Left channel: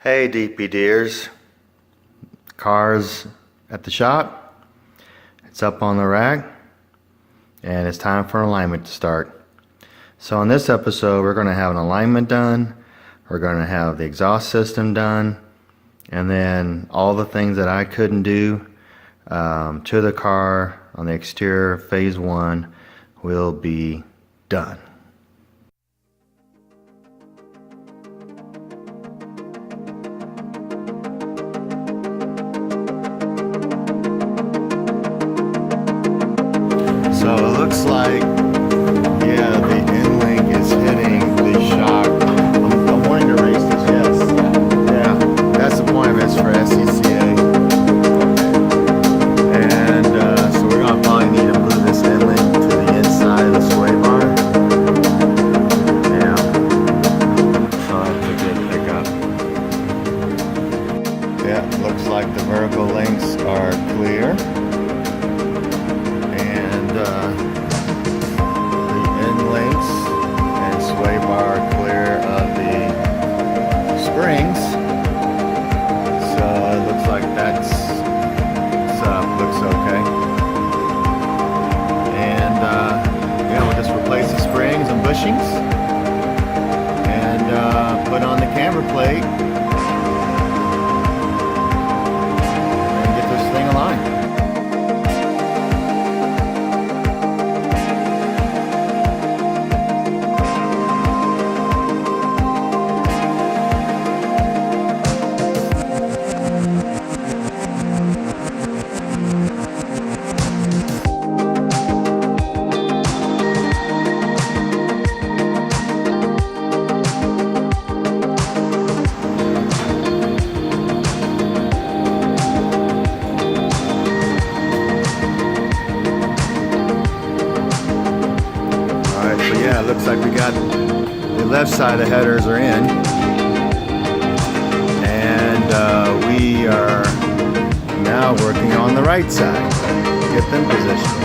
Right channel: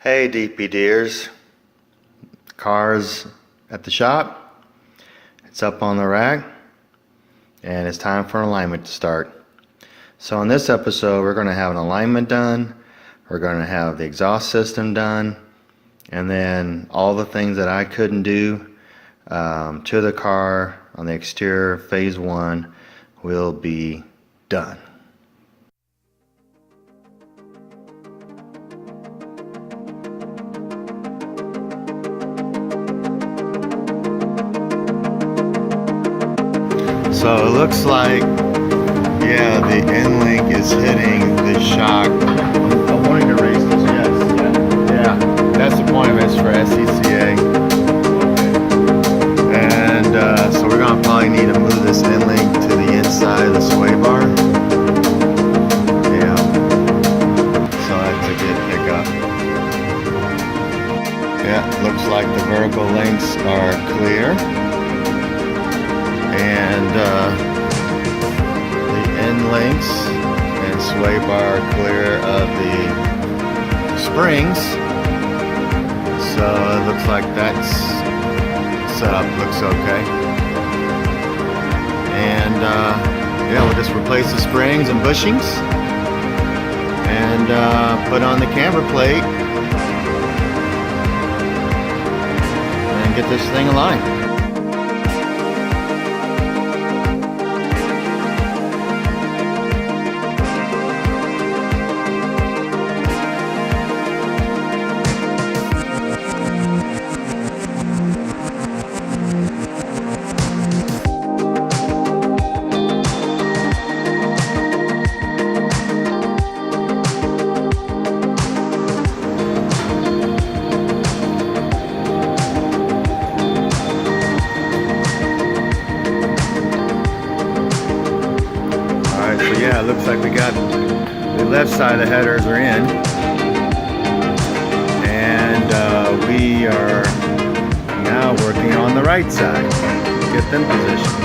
Hey DP dears, car's at the shop, it's up on the rack, and it's time for alignment to start. So in this episode we're going to have an alignment done, we're going to have the exhaust system done, and then all the things that I couldn't do to the car on the exterior phase 1 will be done. So it looks like, yeah, the end link is hitting the shock. I'm wanting to race this, yes. Yeah, that's the point of it, it's for SCCA. And so we're going to probably need to move this end link to the inside of the sway bar. Yeah, so that's a good pickup. Yeah, looks like the vertical links are clear. And the end links and sway bar are clear of the springs, so it looks like that's set up, looks okay. And yeah, we'll just replace the springs and bushings and put on the camber plate and get this thing aligned. So yeah, it looks like we got the left side of the headers are in, and we are now working on the right side, get them positioned.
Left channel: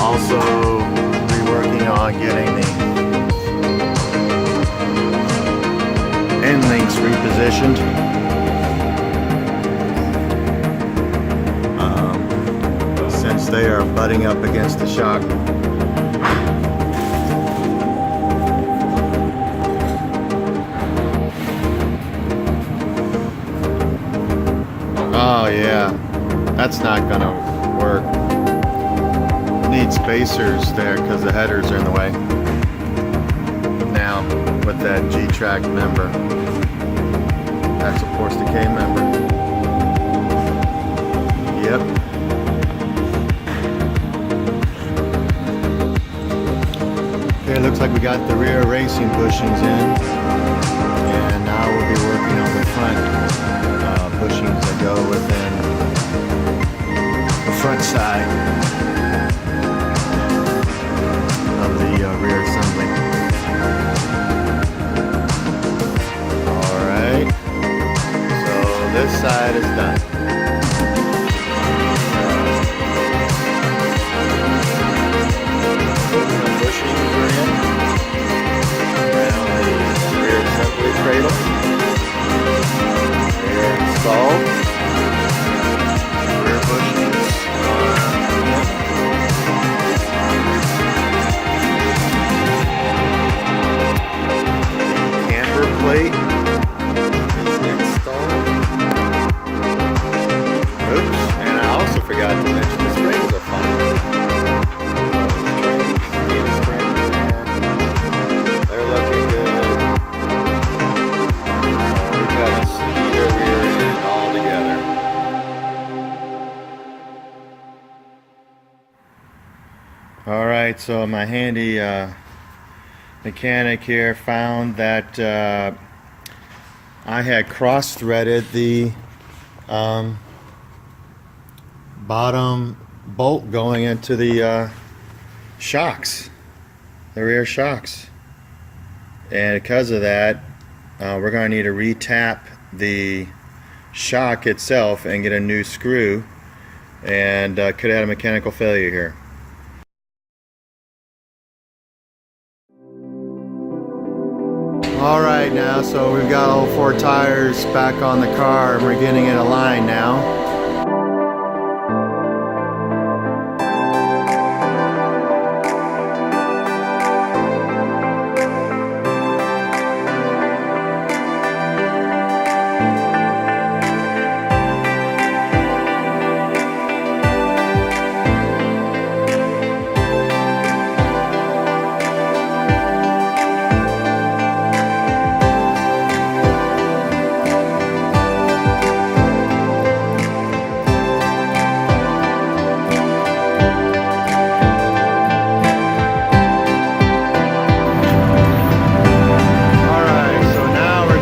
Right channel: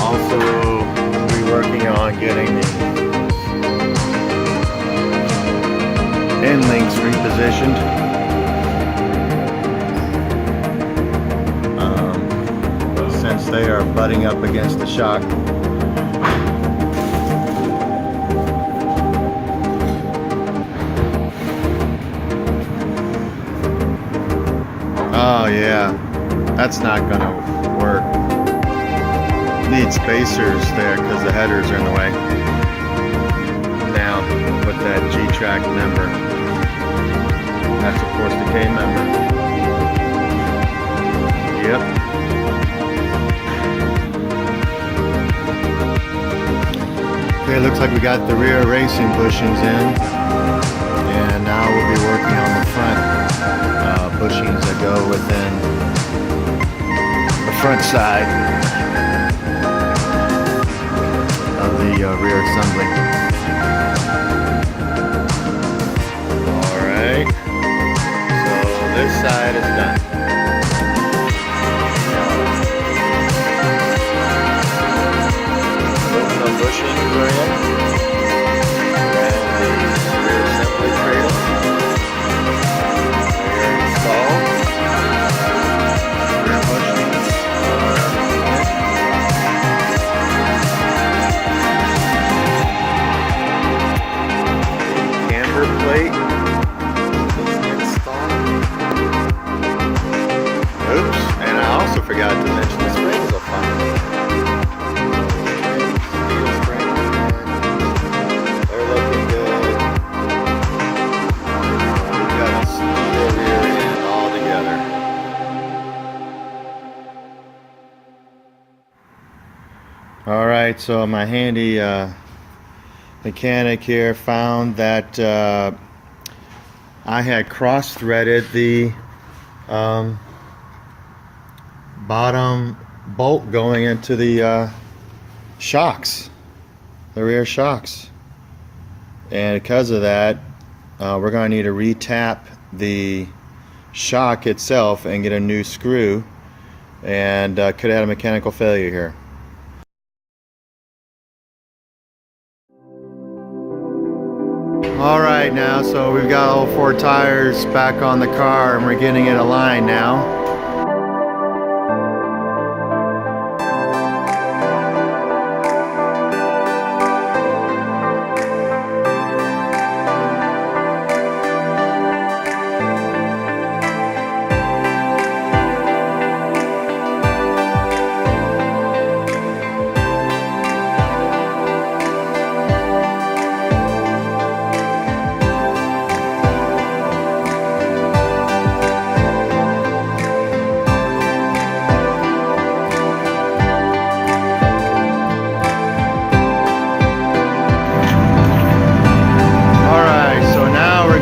Also, we'll be working on getting the end links repositioned. Since they are butting up against the shock. Oh yeah, that's not gonna work. Need spacers there because the headers are in the way. Now with that G-track member, that supports the K member. Yep. Okay, looks like we got the rear racing bushings in, and now we'll be working on the front bushings that go within the front side of the rear assembly. Alright, so this side is done. Bushings were in around the rear assembly cradle. They are installed. Rear bushings are in. The camber plate is installed. Oops, and I also forgot to mention the springs are fine. Looking good. We've got a Steeda rear end all together. Alright, so my handy mechanic here found that I had cross-threaded the bottom bolt going into the shocks, the rear shocks. And because of that, we're going to need to re-tap the shock itself and get a new screw, and could have a mechanical failure here. Alright now, so we've got all 4 tires back on the car and we're getting it aligned now.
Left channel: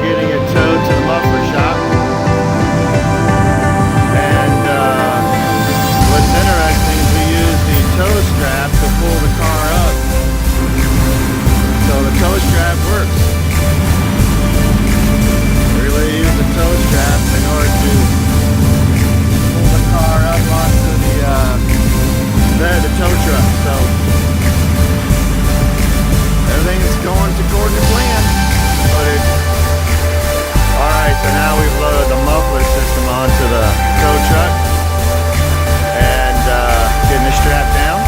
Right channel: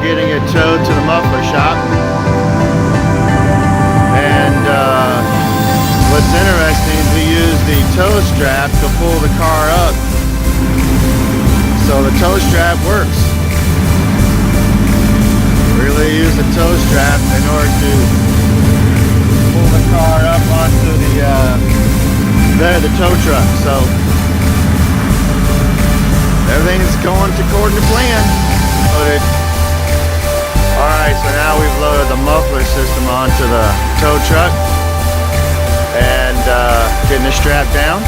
Getting it towed to the muffler shop, and what's interesting is we use the tow strap to pull the car up, so the tow strap works. We really use the tow strap in order to pull the car up onto the bed of the tow truck, so everything's going according to plan. Loaded. Alright, so now we've loaded the muffler system onto the tow truck and getting the strap down.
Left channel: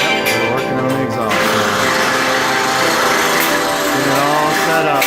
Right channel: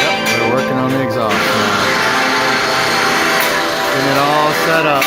Yep, we're working on the exhaust now. Getting it all set up.